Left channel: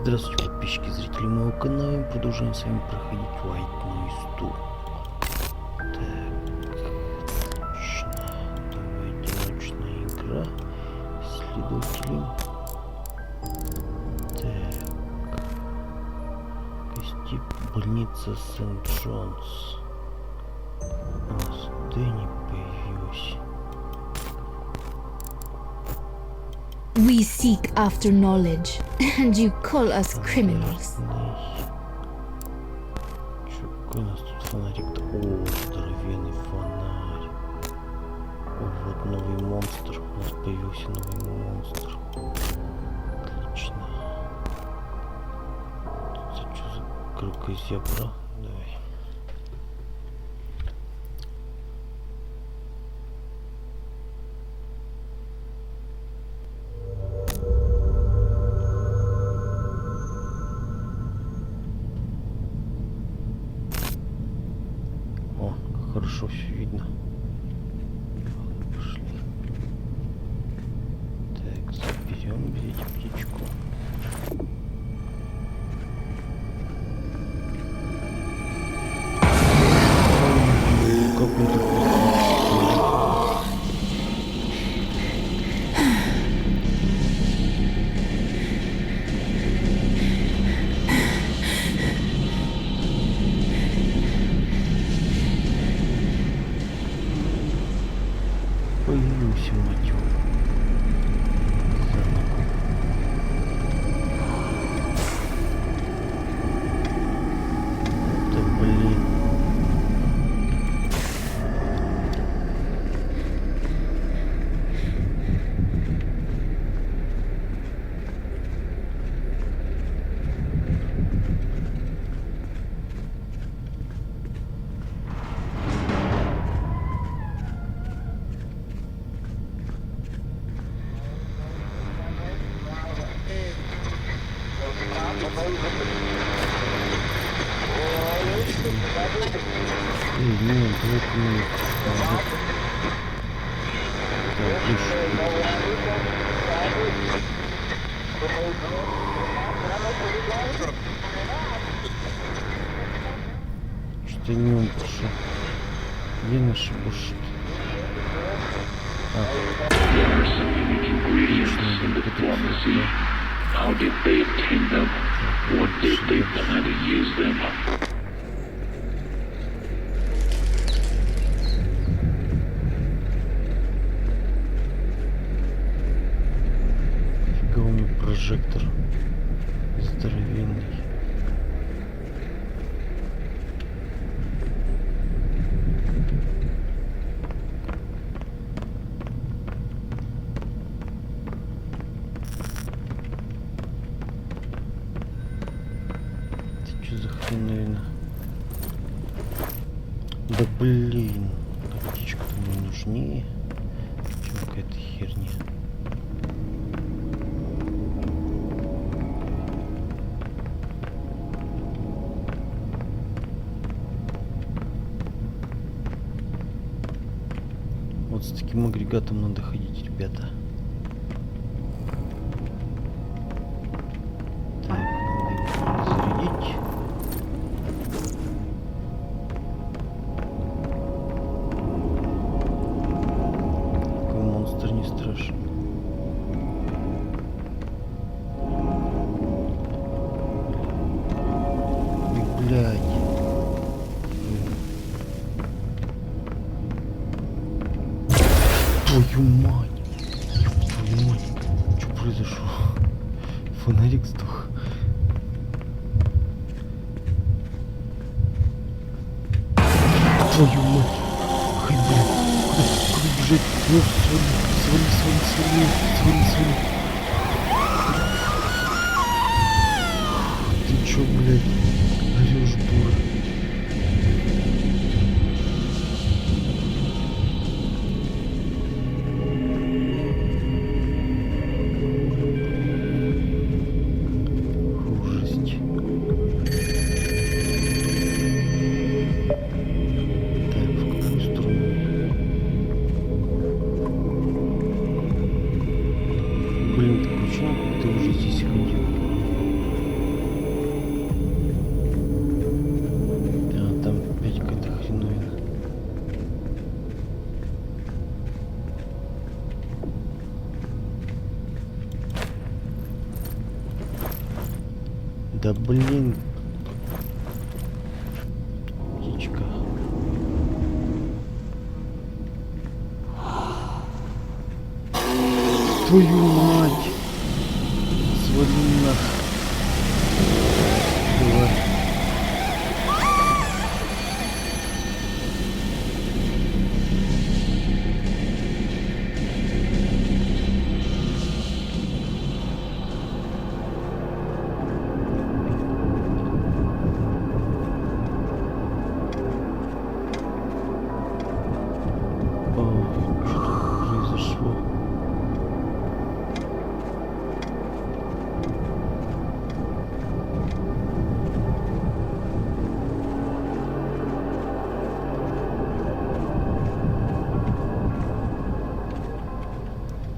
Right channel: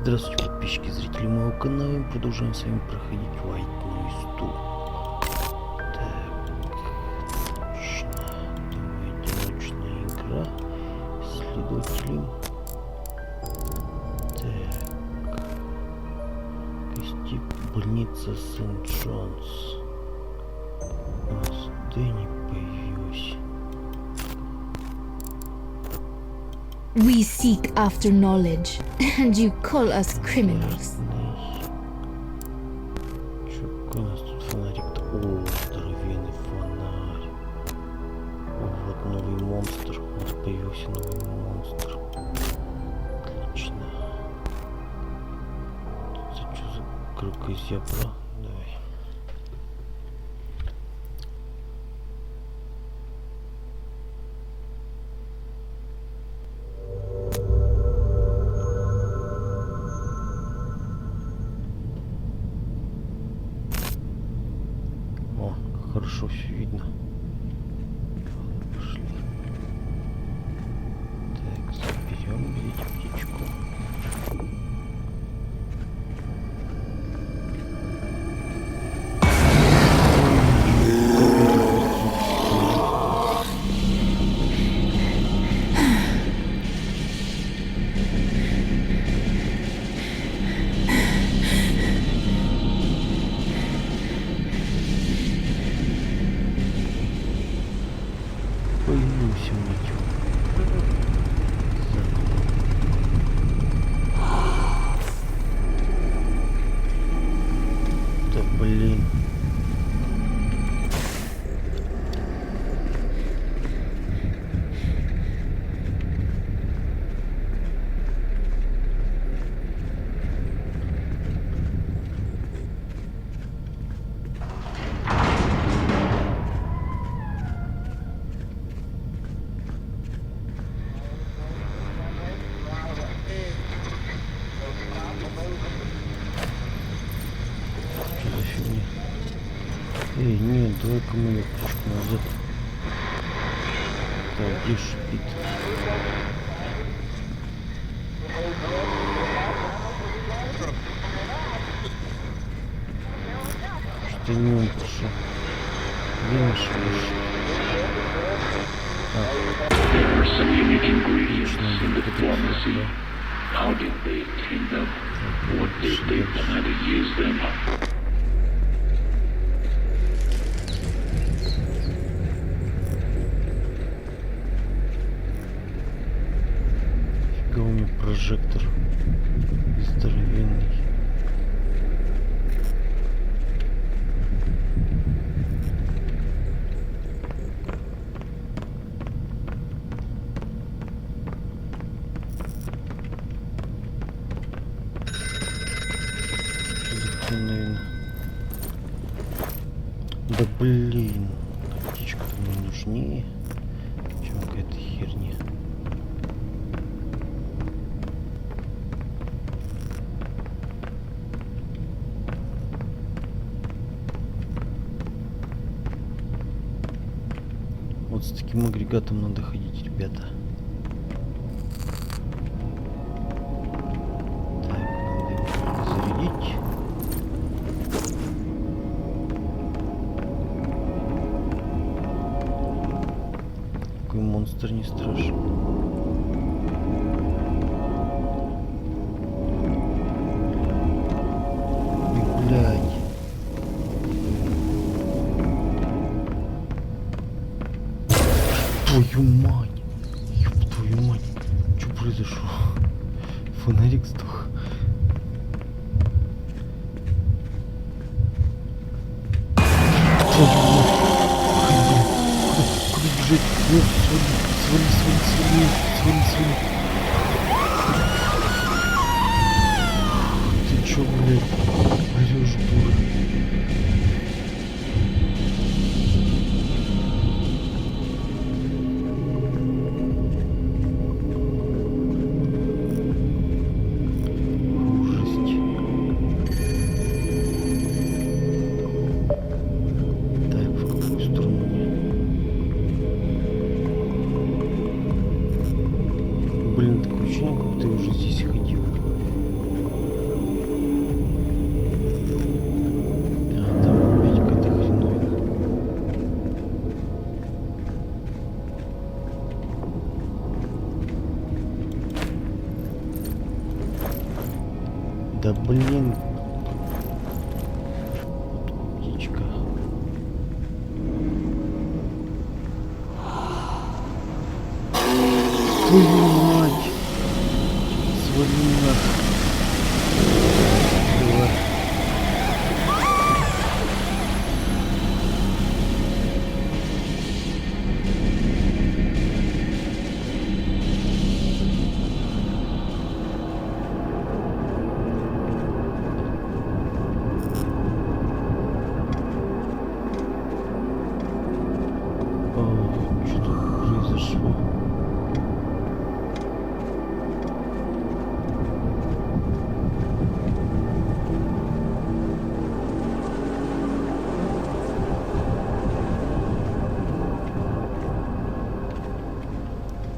Здравствуйте, подписчики, зрители моего канала. Мы продолжаем с вами проходить White Noise 2. Так, отлично. Давай, одиночная игра. Следователи. Так. Гости больница Сент-Джонс. У нас Дэнни появилась. We seek after knowledge, and you call us criminals. Чё, какой у нас тут фонарик-то? О, здоровенный фонарь. О, вот новый монстр. У нас появился новый монстр. Отлично. Это что за крокозябра? Давай. О, как хорошо все видно. Пошли. Так, заберем птичку. Появился мотив. Заново. Да блин. Нет, давай-ка мы кружку назад. Так, где шпит? Что не он пошел? Где наш шпит? There are some unique ingredients in the pharmacy. How did they obtain them? What did they plan to use them? Фига у меня прожектор здоровенный. Что за хреновина? Да блин, птичка-то мне нужнее, чем какая-то херня. Вот с таким агрегатом надо ходить, ребята. Так, надо его зарядить. Какой монстр не страшен. И, блядь. Твою мать! Ёб твою мать! Что произошло? Фонарик сдох. Твою мать! Ай, блин! Куда бежать? Ну, свали! Ты чё, блядь? Орёшь, дура. Блин, такое ощущение, как ты уже здесь ходил. Да блин. Птичка. Твою мать! Свали нахуй. Давай. Что тут произошло?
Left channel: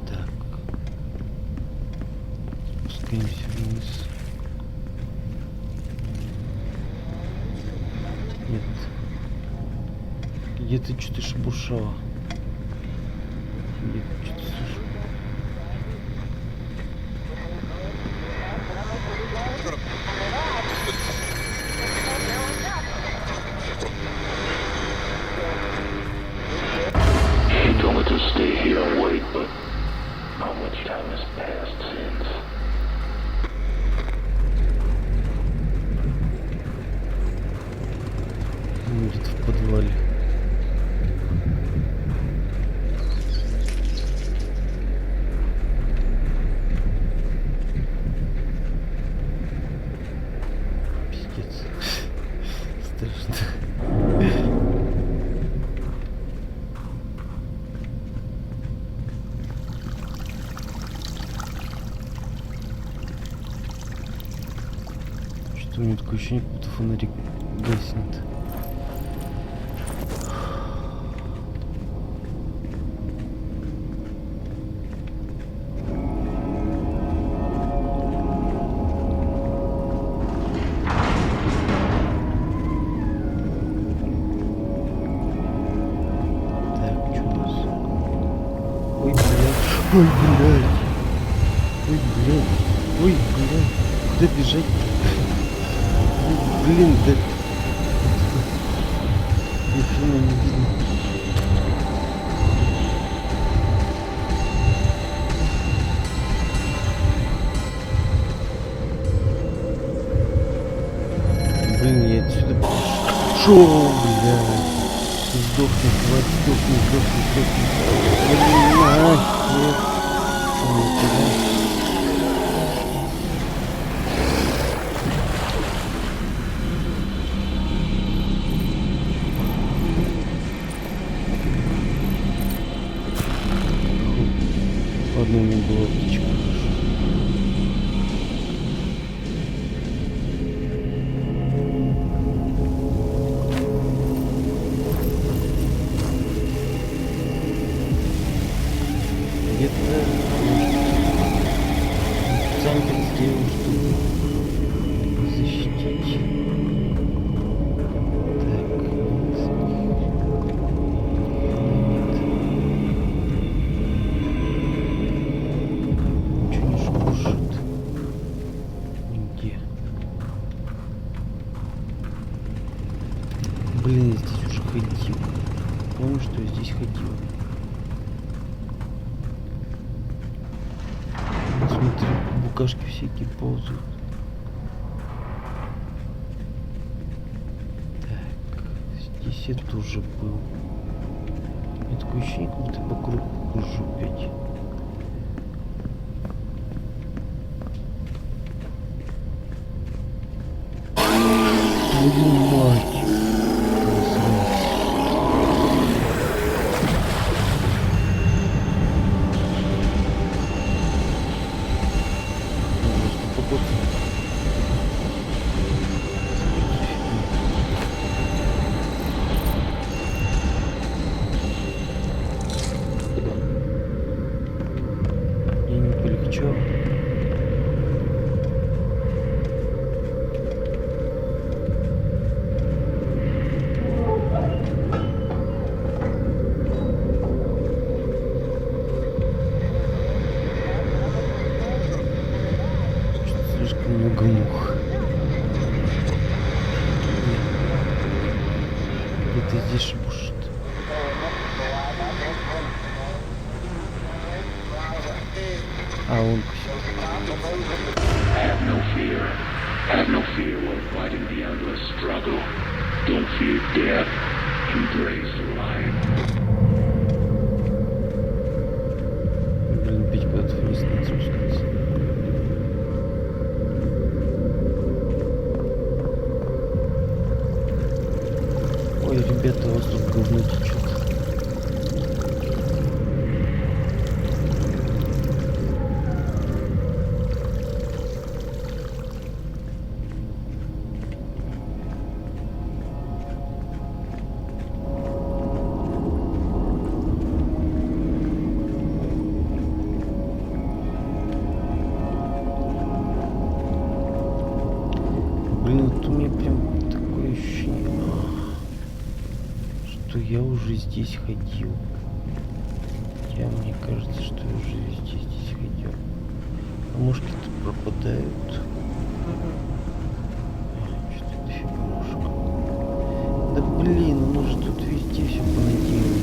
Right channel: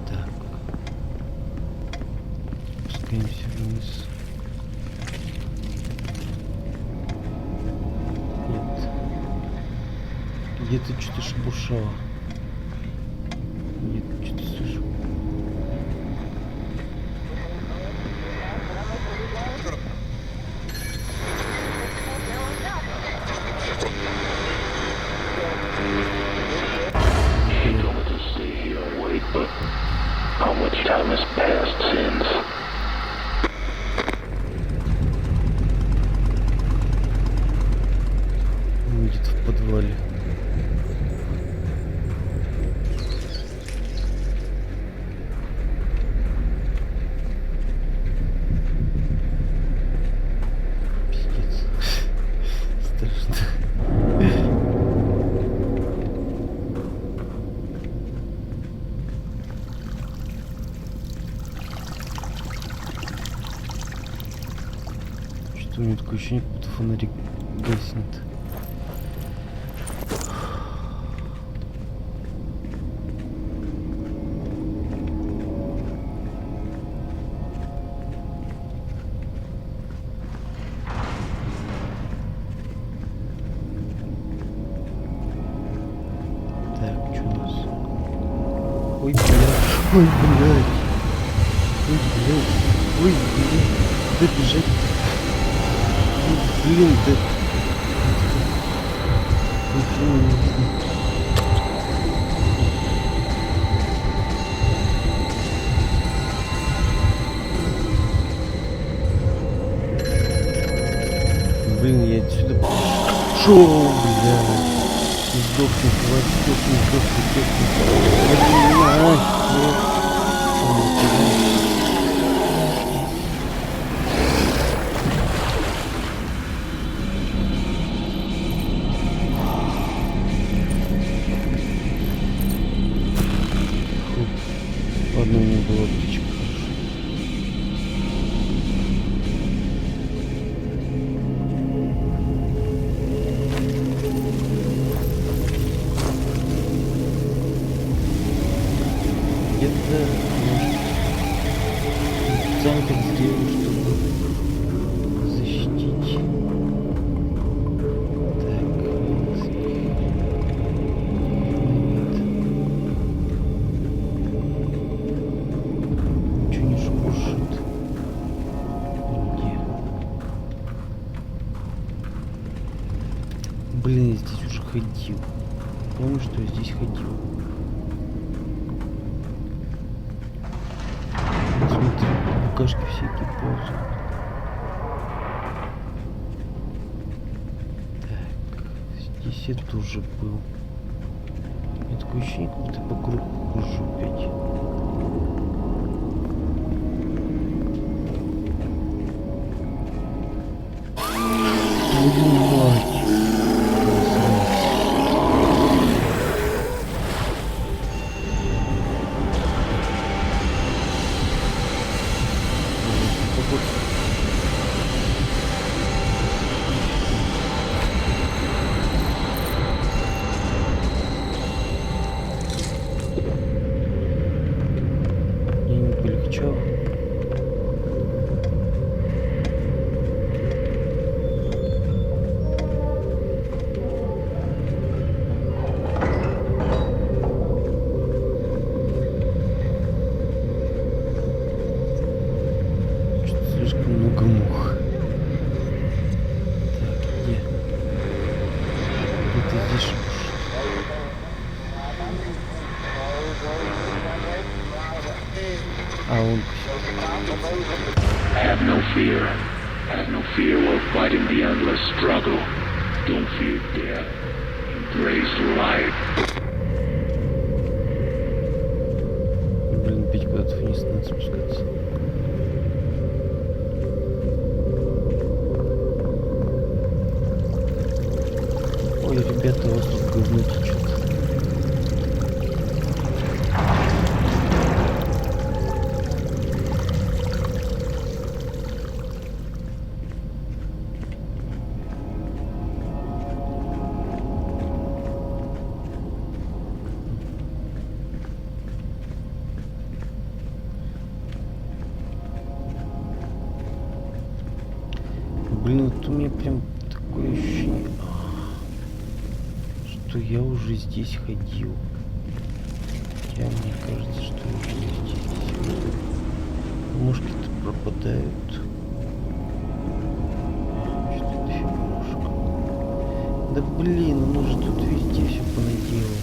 Так. Спускаемся вниз. Нет. Где-то что-то шебуршало. Где-то что-то слышу. He told me to stay here and wait, but how much time has passed since? Где-то в подвале. Пиздец. Страшно. Что у меня такое ощущение, как будто фонарик гаснет. Так, что у нас? Ой, блядь. Ой, блядь. Ой, блядь. Ой, блядь. Куда бежать? Ой, блин, да... Ни хрена не видно. Блин, я отсюда шоу, блядь. Сдохни, тварь, сдохни, сдохни, сдохни. Блин, нахер. Ладно, у меня была птичка, хорошо. Где-то, может, специально так сделал, чтобы защитить. Так, нет. Ничего не шуршит. Нигде. Блин, я здесь уже ходил. Помню, что я здесь ходил. Смотри, букашки всякие ползают. Так, здесь я тоже был. У меня такое ощущение, как будто по кругу хожу опять. Твою мать! Засранец. Погода. Мне не полегчало. Что-то слишком много мух. Ты здесь шибушь. А он Have no fear. Have no fear while fighting the endless struggle. Don't fear death. Embrace life. блин, пить куда-то вниз надо спускаться. Ой, ребята, у вас тут говно течет. Блин, вот у меня прям такое ощущение, что я уже здесь ходил. Хотя мне кажется, что я уже здесь ходил. Мушки-то пропадают. Что-то дофига мушек. Да блин, он уже тут везде все понаделал.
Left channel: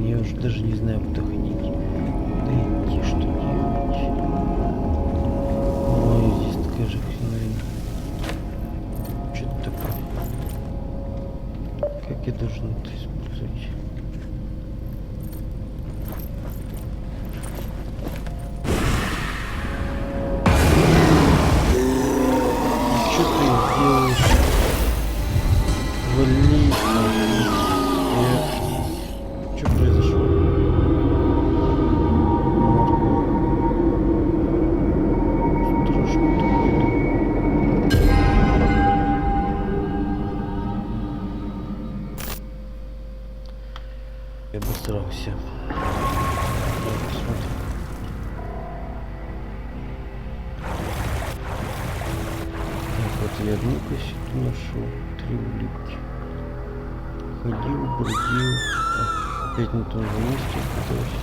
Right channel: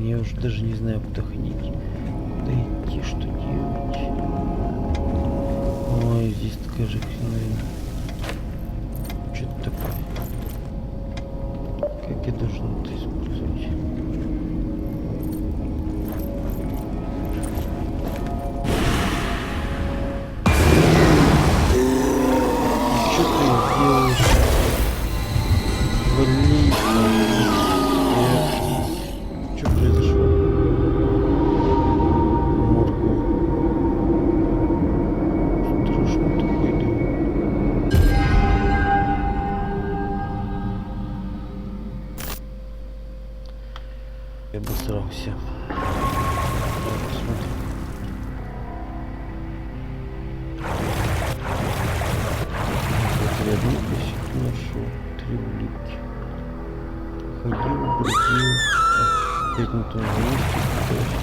Я уже даже не знаю, куда ходить, куда идти, что делать. Ой, здесь такая же хреновина. Что-то такое. Как я должен это использовать? Что ты делаешь? Вали. Что произошло? Моргу. Страшный такой, да. Я обосрался. Давай посмотрим. Вот я одну кассету нашел. 3 улитки. Ходил, бродил. Опять на том же месте пытаюсь.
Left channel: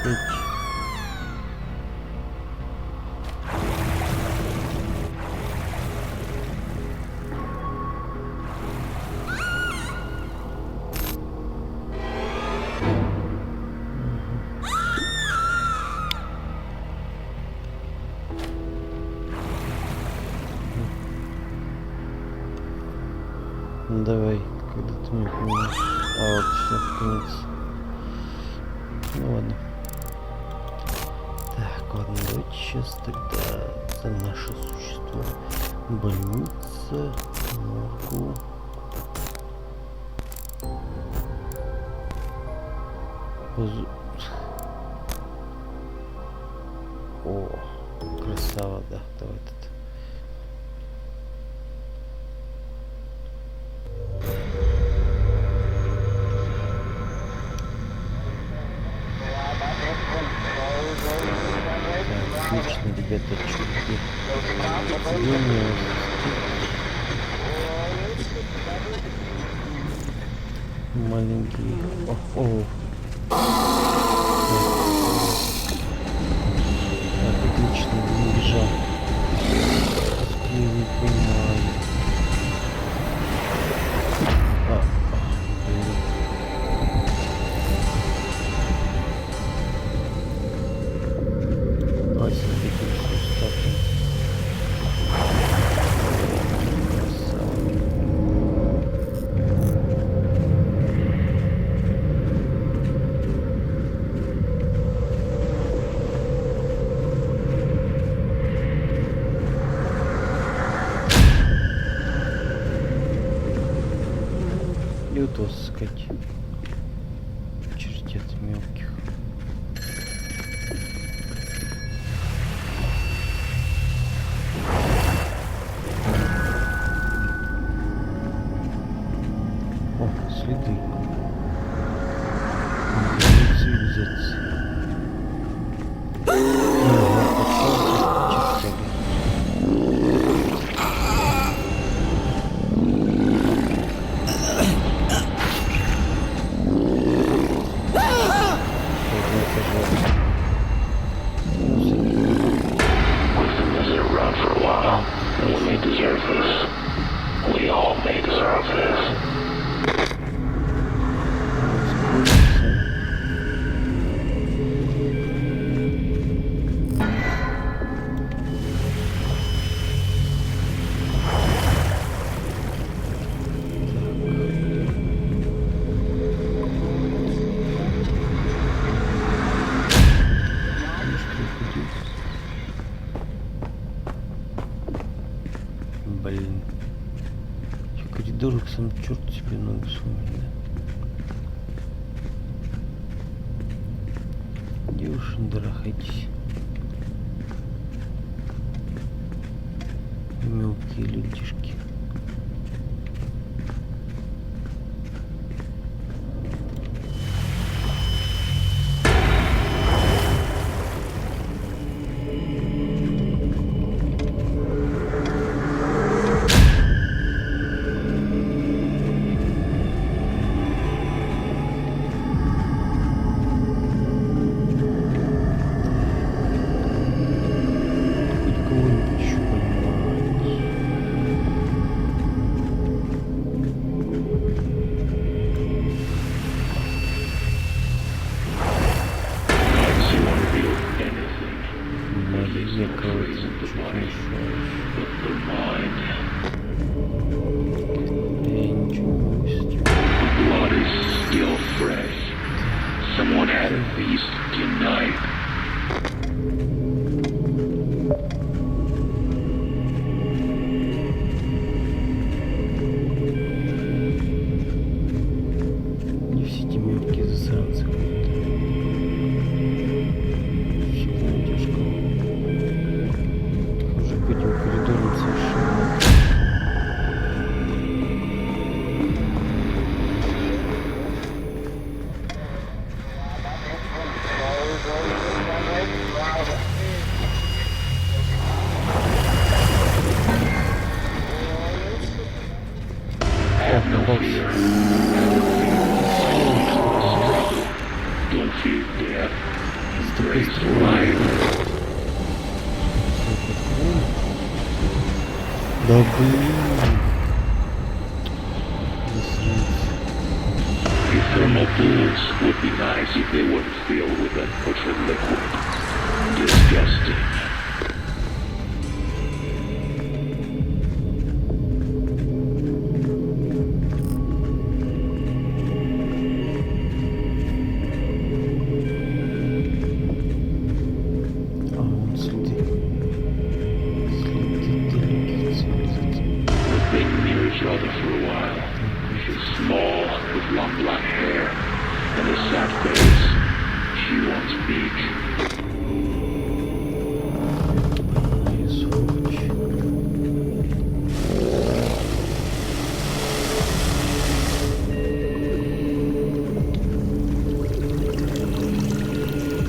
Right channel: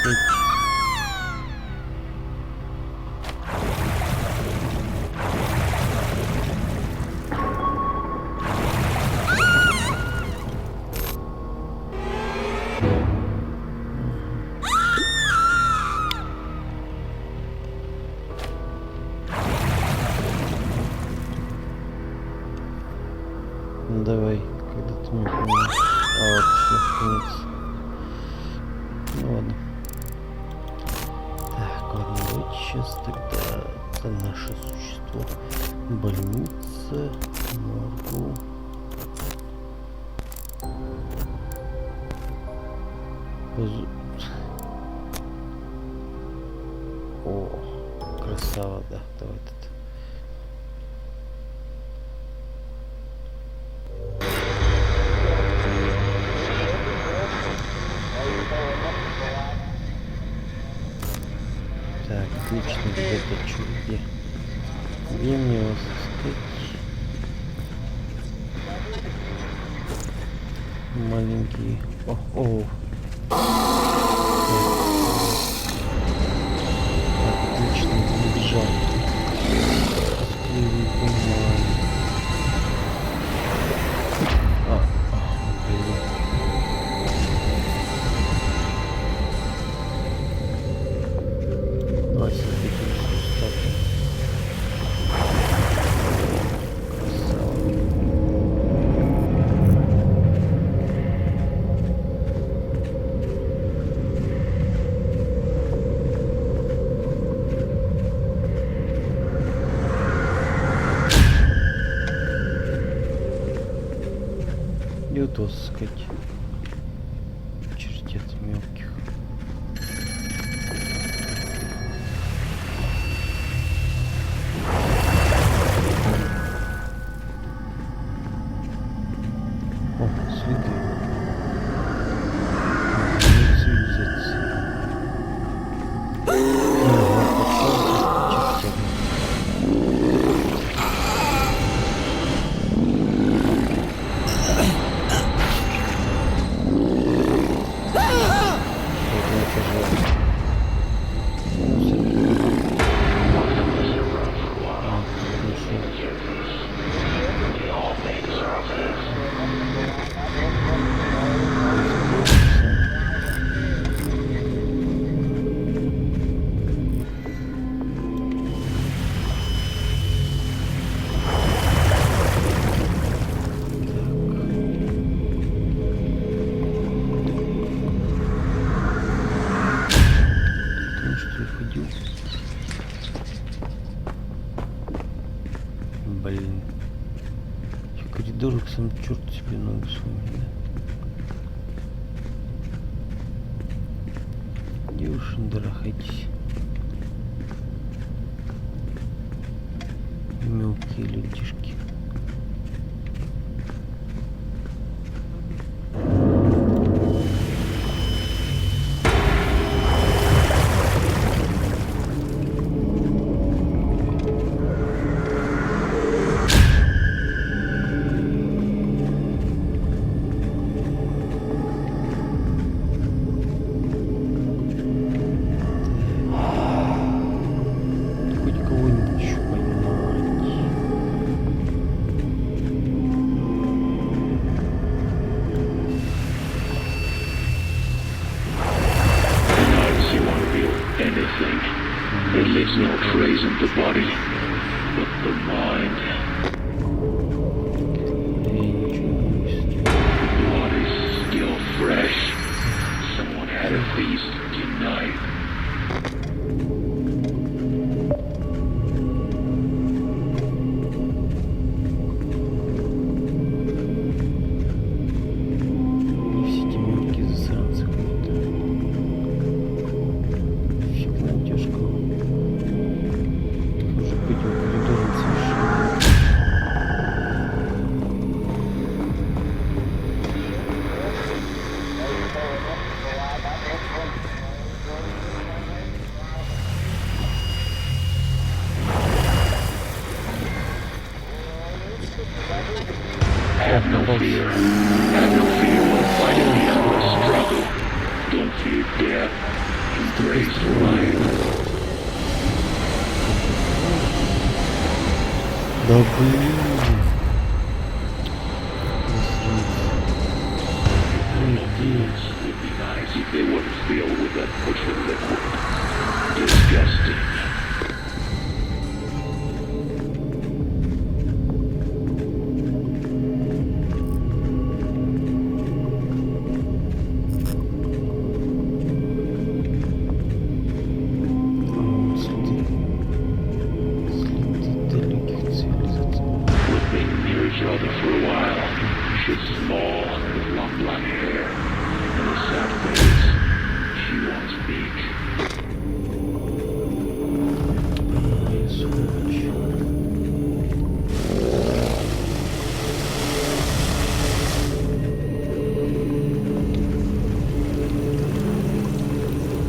Опять. Ну давай, когда ты меня понимаешь. А вот все, конец. Ну ладно. Так, ладно, давайте сейчас тогда за наше существо. Больница, моргу. О, красава, да, давай тут. Отлично, ребята, чудо. Где мне вас искать? Маленький. О. Так, отлично, не бежал. Тоскливый, понимаю. Блин. Давай смотрите, статую. Красава. И вот вас искать. Чертят мелких. О, следы. Цивилизации. Чертяга. блин. В коридорах сам черт себе ногу сломит, да? Девушки, дарахайтесь. Мелкие людишки. Хоть кого-нибудь еще поймать. Sometimes you won't feel anything. It leaves no trace in the body, but the mind. Я ничего не могу с этим. The blood is still fresh. Someone had a feast tonight. Не все эти мелкие засранцы какие-то. Фиг найдешь кого. Уже по этим коридорам совершенно. Have no fear. Have no fear when fighting becomes a struggle. Don't fear death. Embrace life. Да блин. Засранцы. Your thermal fluids would be nice if they weren't filled with that butcher liquid. Disgusting. А вон следы. Следы далеких цивилизаций. We've been near each other for a while. She's small, with long black hair, and a sad face. She won't speak. Ай, сволочь.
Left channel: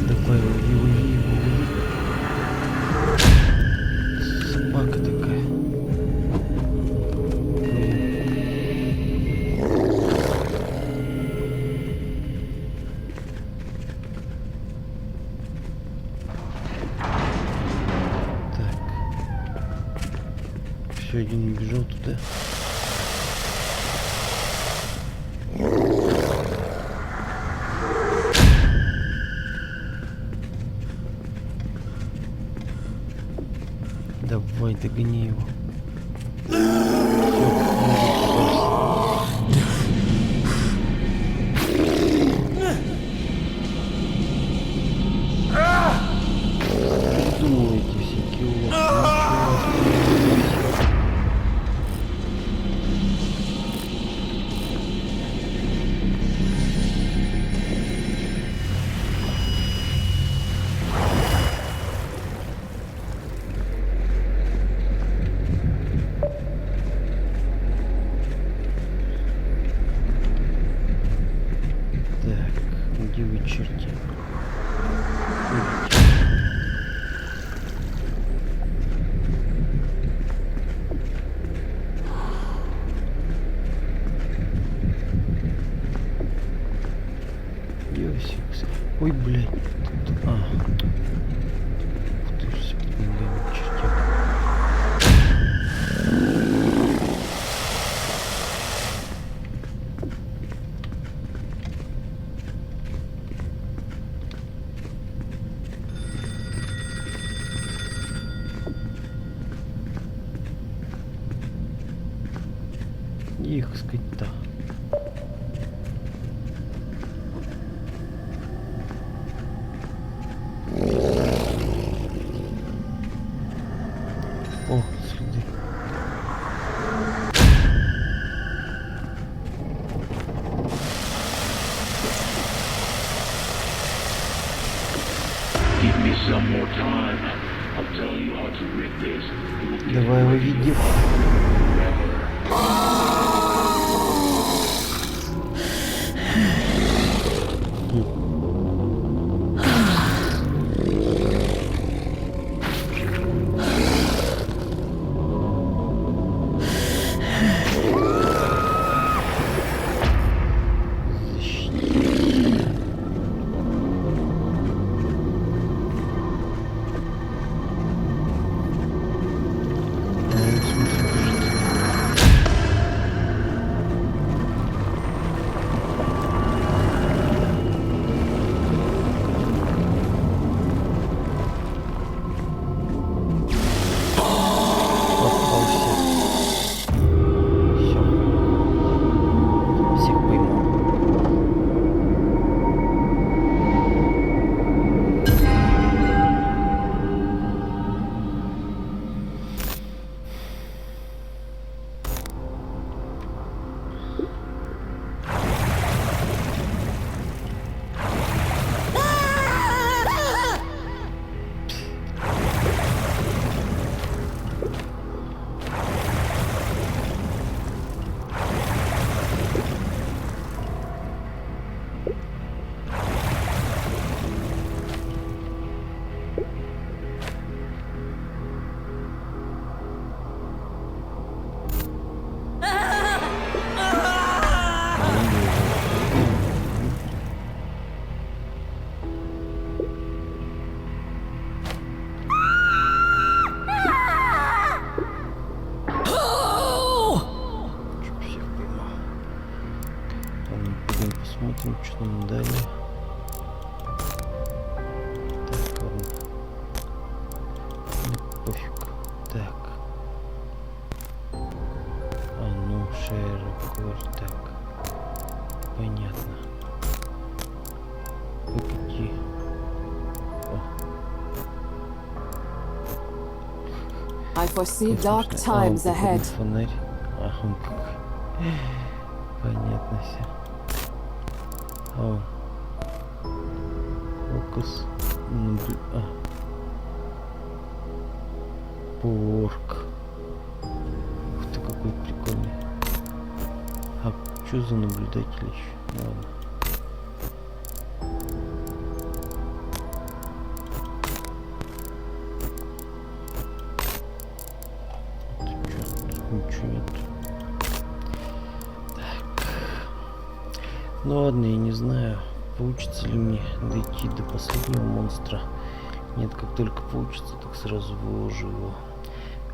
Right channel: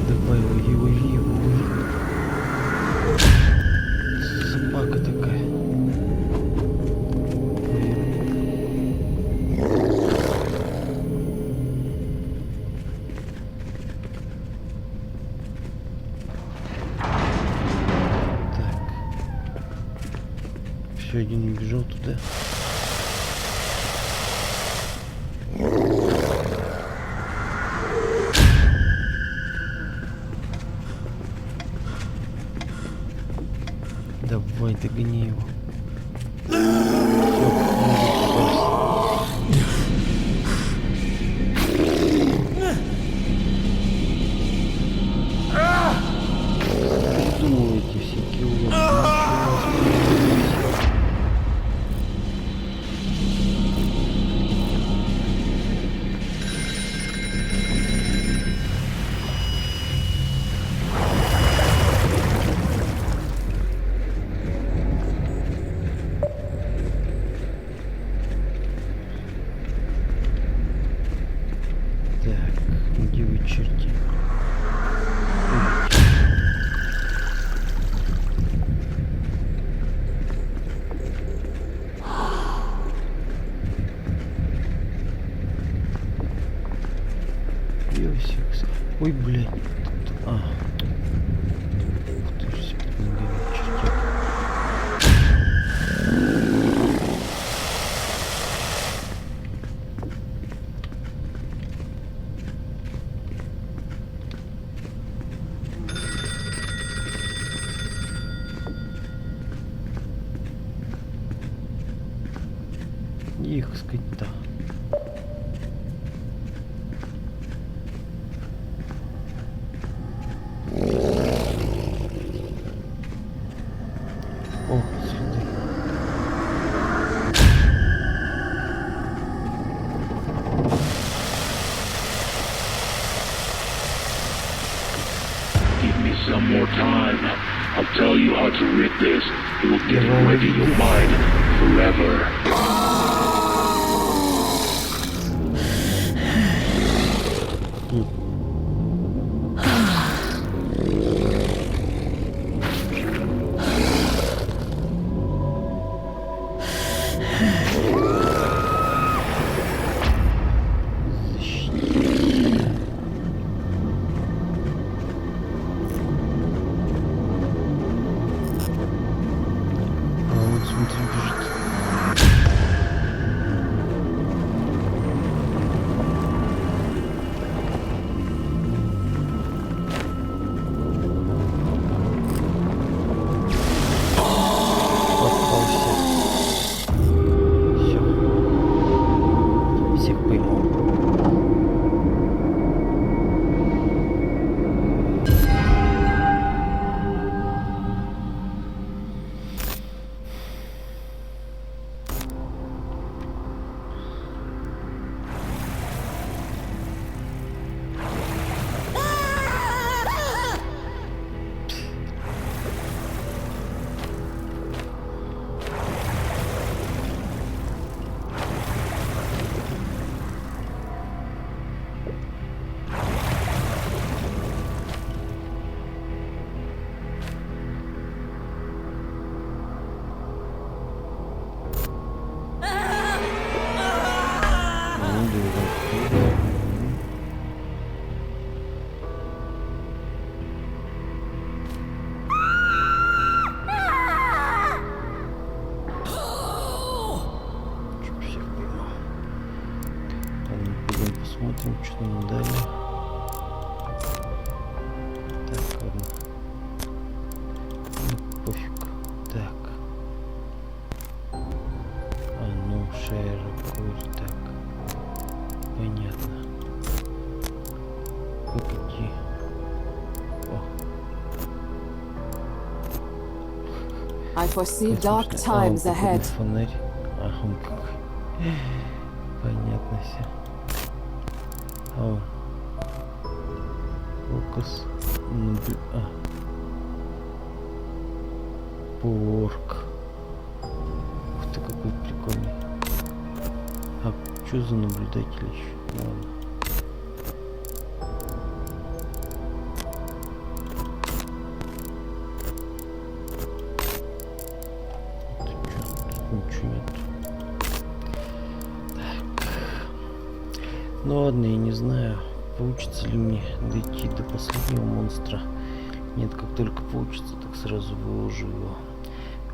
Давай, лови. Собака такая. Блин. Так. Еще один убежал туда. Давай, догони его. Придумывайте всякие уловки. Так, где вы, черти? Идите. Йосикс. Ой, блядь. А. Ух ты ж, под ногами чертяк. Их скота. О, следы. some more time, I'll tell you how to rid this. It will get Давай, away in your веди. mind forever. А он, смотри, бежит. Попался. Все. Всех поймал. Чё, всех поймал. Ладно, пойдем посмотрим, что нам дали. Так, ладно. Ну, пофиг. Так. А ну, широко, так. Понятно. Погоди. О. I foresee Как dark смешно. А, он times походу ahead. фонарь. А, он какой. Понятно все. А он. Фокус. Порк. Ух ты, какой прикольный. А что за наблюдатель еще? Ну, ладно. Тут чё? Тут ничего нет. Так. Ну ладно, я не знаю, получится ли мне дойти до последнего монстра. Нет, как только получится, так сразу выложу его.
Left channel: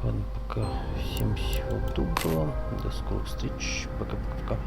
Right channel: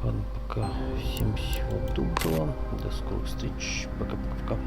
Ладно, пока. Всем всего доброго. До скорых встреч. Пока-пока-пока.